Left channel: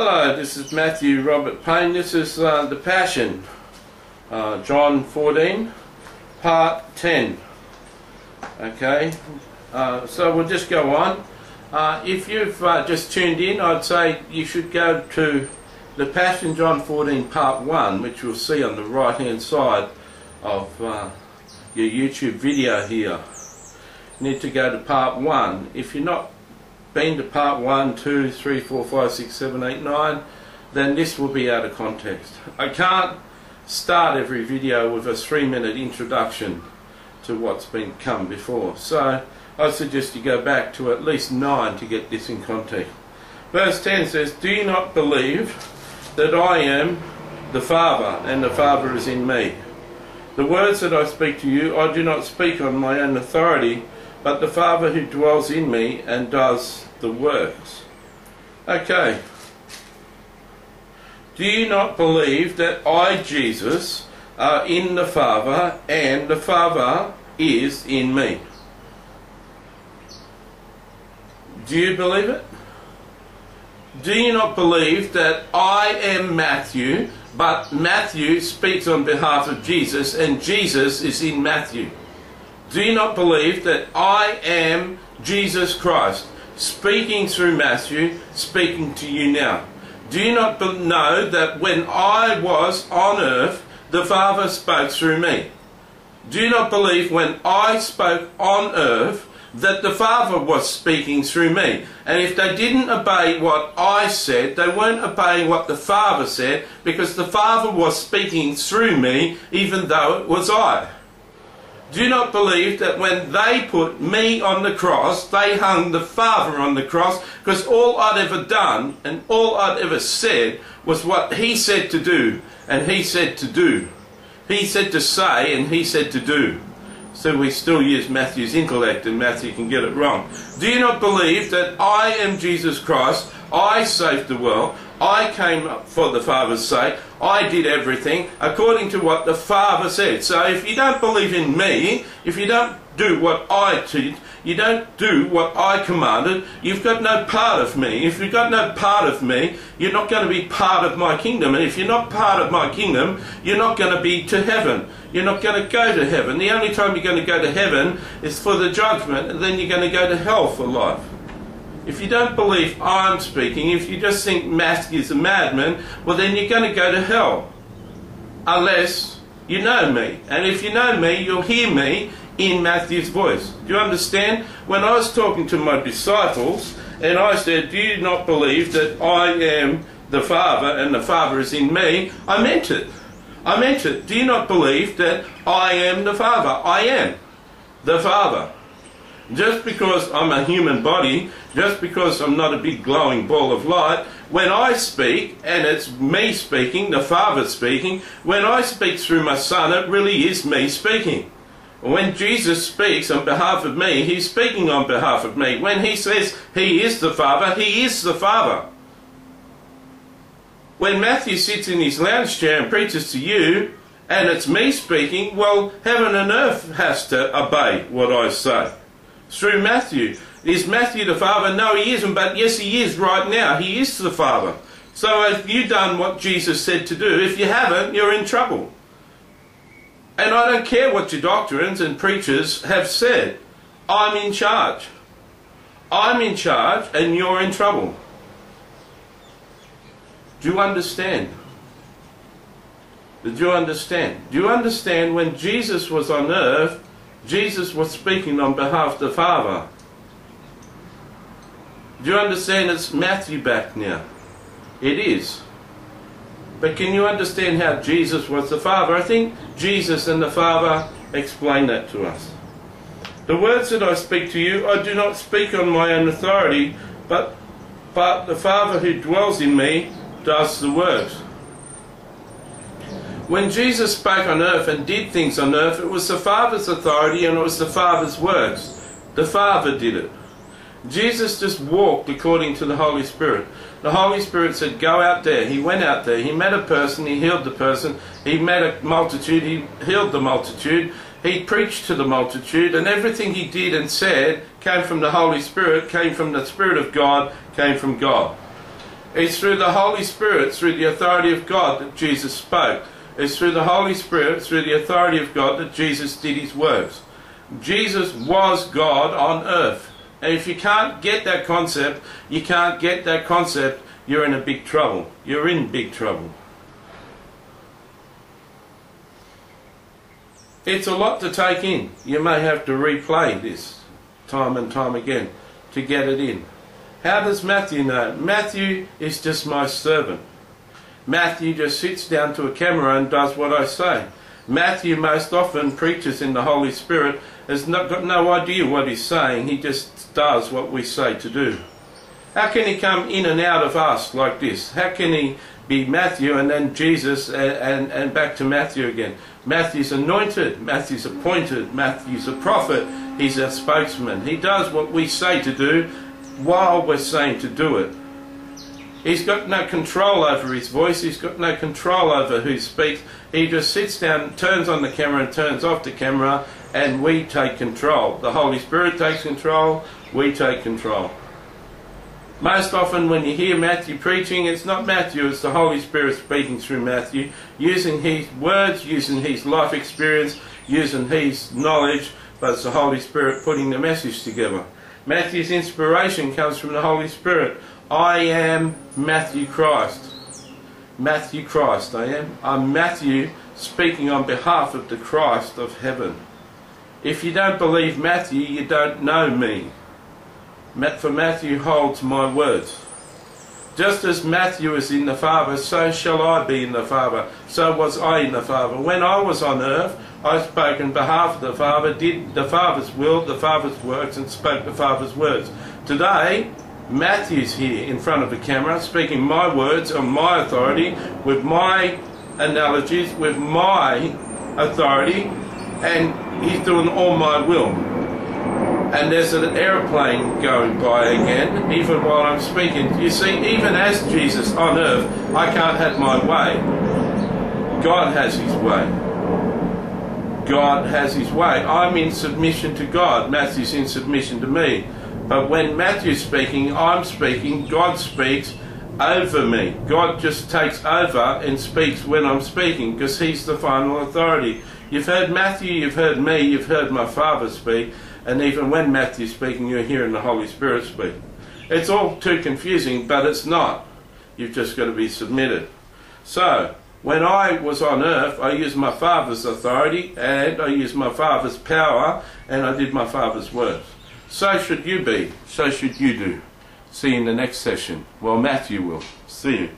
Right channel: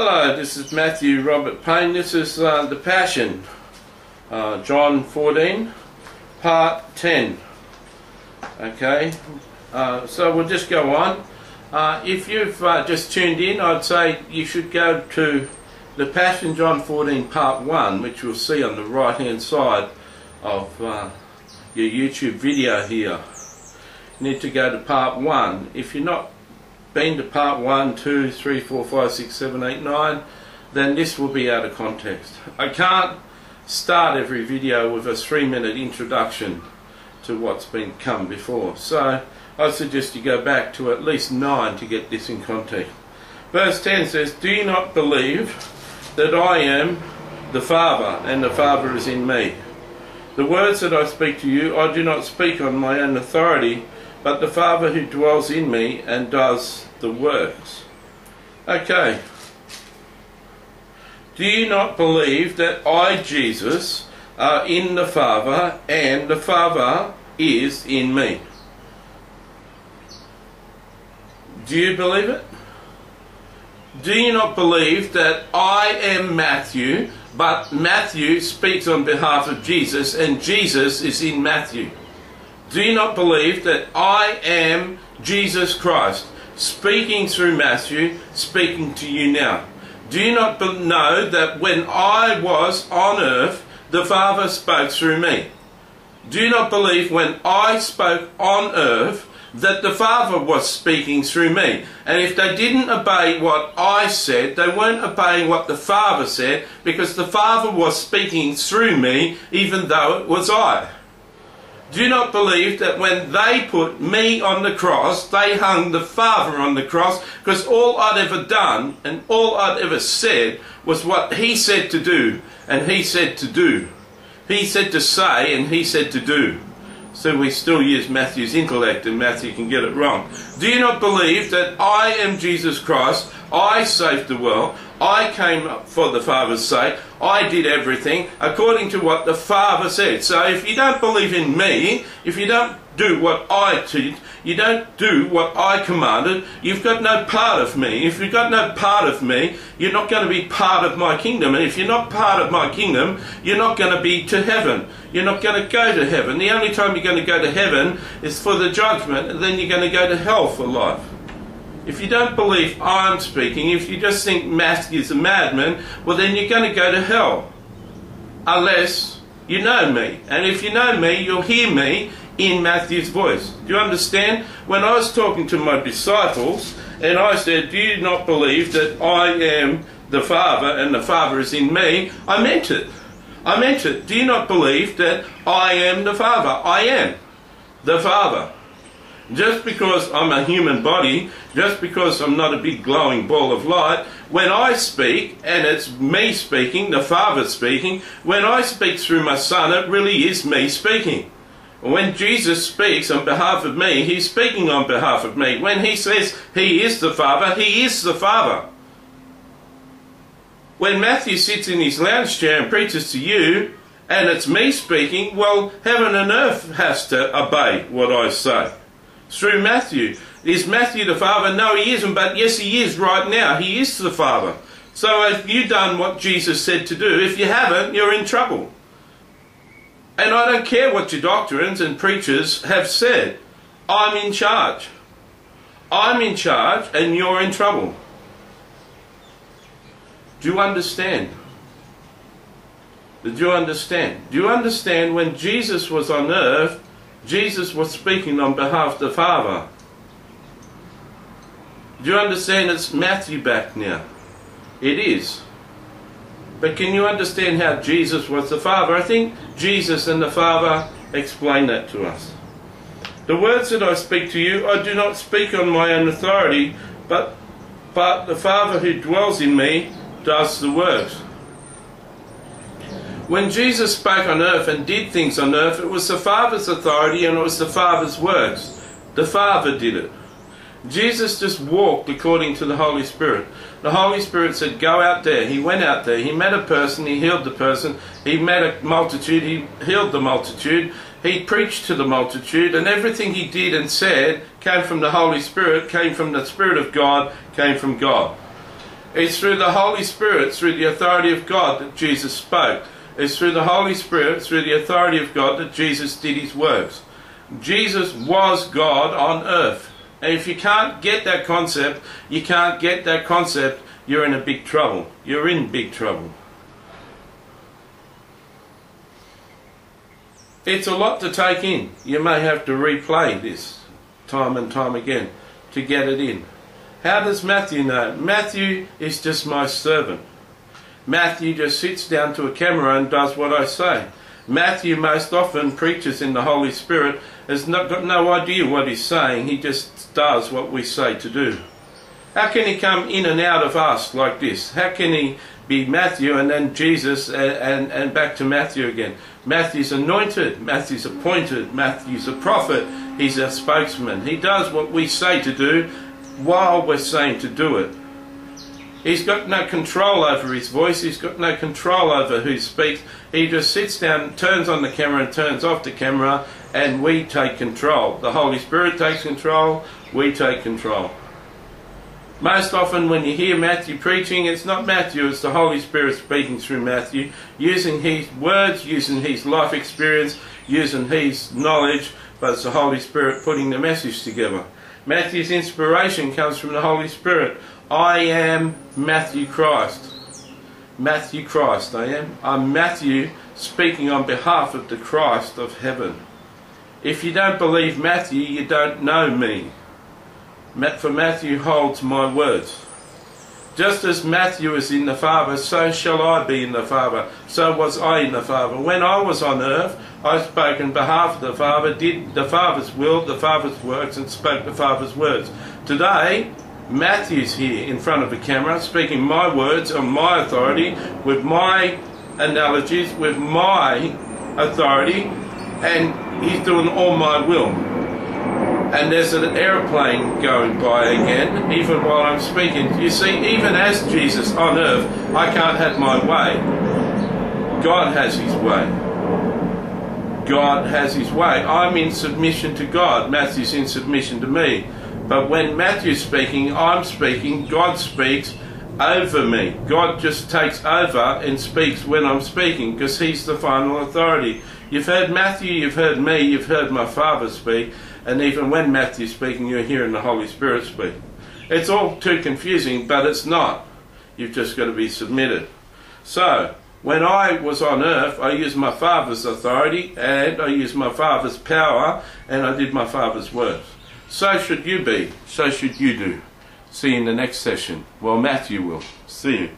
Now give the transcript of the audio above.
Hello, this is Matthew Robert Payne. This is the Passion, John 14, part 10. Okay, so we'll just go on. If you've just tuned in, I'd say you should go to the Passion, John 14, part 1, which you'll see on the right hand side of your YouTube video here. You need to go to part 1. If you're not been to part 1, 2, 3, 4, 5, 6, 7, 8, 9, then this will be out of context. I can't start every video with a 3-minute introduction to what's been come before. So I suggest you go back to at least 9 to get this in context. Verse 10 says, "Do you not believe that I am the Father, and the Father is in me? The words that I speak to you, I do not speak on my own authority, but the Father who dwells in me and does the works." Okay. Do you not believe that I, Jesus, are in the Father and the Father is in me? Do you believe it? Do you not believe that I am Matthew, but Matthew speaks on behalf of Jesus and Jesus is in Matthew? Do you not believe that I am Jesus Christ, speaking through Matthew, speaking to you now? Do you not know that when I was on earth, the Father spoke through me? Do you not believe when I spoke on earth that the Father was speaking through me? And if they didn't obey what I said, they weren't obeying what the Father said, because the Father was speaking through me, even though it was I. Do you not believe that when they put me on the cross, they hung the Father on the cross, because all I'd ever done and all I'd ever said was what He said to do and He said to do. He said to say and He said to do. So we still use Matthew's intellect, and Matthew can get it wrong. Do you not believe that I am Jesus Christ? I saved the world. I came for the Father's sake. I did everything according to what the Father said. So if you don't believe in me, if you don't do what I teach, you don't do what I commanded, you've got no part of me. If you've got no part of me, you're not going to be part of my kingdom. And if you're not part of my kingdom, you're not going to be to heaven. You're not going to go to heaven. The only time you're going to go to heaven is for the judgment, and then you're going to go to hell for life. If you don't believe I'm speaking, if you just think Matthew's a madman, well then you're going to go to hell. Unless you know me. And if you know me, you'll hear me in Matthew's voice. Do you understand? When I was talking to my disciples, and I said, "Do you not believe that I am the Father and the Father is in me?" I meant it. I meant it. Do you not believe that I am the Father? I am the Father. Just because I'm a human body, just because I'm not a big glowing ball of light, when I speak, and it's me speaking, the Father speaking, when I speak through my Son, it really is me speaking. When Jesus speaks on behalf of me, He's speaking on behalf of me. When He says He is the Father, He is the Father. When Matthew sits in his lounge chair and preaches to you, and it's me speaking, well, heaven and earth has to obey what I say. Through Matthew. Is Matthew the Father? No, he isn't, but yes, he is right now. He is the Father. So have you done what Jesus said to do? If you haven't, you're in trouble. And I don't care what your doctrines and preachers have said. I'm in charge. I'm in charge, and you're in trouble. Do you understand? Did you understand? Do you understand when Jesus was on earth, Jesus was speaking on behalf of the Father? Do you understand it's Matthew back now? It is. But can you understand how Jesus was the Father? I think Jesus and the Father explain that to us. "The words that I speak to you, I do not speak on my own authority, but the Father who dwells in me does the works." When Jesus spoke on earth and did things on earth, it was the Father's authority and it was the Father's works. The Father did it. Jesus just walked according to the Holy Spirit. The Holy Spirit said, "Go out there." He went out there. He met a person. He healed the person. He met a multitude. He healed the multitude. He preached to the multitude, and everything he did and said came from the Holy Spirit, came from the Spirit of God, came from God. It's through the Holy Spirit, through the authority of God, that Jesus spoke. It's through the Holy Spirit, through the authority of God, that Jesus did his works. Jesus was God on earth. And if you can't get that concept, you're in a big trouble. You're in big trouble. It's a lot to take in. You may have to replay this time and time again to get it in. How does Matthew know? Matthew is just my servant. Matthew just sits down to a camera and does what I say. Matthew most often preaches in the Holy Spirit, has got no idea what he's saying. He just does what we say to do. How can he come in and out of us like this? How can he be Matthew and then Jesus and back to Matthew again? Matthew's anointed, Matthew's appointed, Matthew's a prophet, he's a spokesman. He does what we say to do while we're saying to do it. He's got no control over his voice, he's got no control over who speaks. He just sits down, turns on the camera and turns off the camera, and we take control. The Holy Spirit takes control, we take control. Most often when you hear Matthew preaching, it's not Matthew, it's the Holy Spirit speaking through Matthew, using his words, using his life experience, using his knowledge, but it's the Holy Spirit putting the message together. Matthew's inspiration comes from the Holy Spirit. I am Matthew Christ. Matthew Christ, I am. I'm Matthew speaking on behalf of the Christ of heaven. If you don't believe Matthew, you don't know me. For Matthew holds my words. Just as Matthew is in the Father, so shall I be in the Father. So was I in the Father. When I was on earth, I spoke on behalf of the Father, did the Father's will, the Father's works, and spoke the Father's words. Today, Matthew's here in front of the camera, speaking my words on my authority, with my analogies, with my authority, and he's doing all my will. And there's an aeroplane going by again, even while I'm speaking. You see, even as Jesus on earth, I can't have my way. God has his way. God has his way. I'm in submission to God. Matthew's in submission to me. But when Matthew's speaking, I'm speaking, God speaks over me. God just takes over and speaks when I'm speaking, because he's the final authority. You've heard Matthew, you've heard me, you've heard my Father speak. And even when Matthew's speaking, you're hearing the Holy Spirit speak. It's all too confusing, but it's not. You've just got to be submitted. So, when I was on earth, I used my Father's authority, and I used my Father's power, and I did my Father's works. So should you be. So should you do. See you in the next session. Well, Matthew will. See you.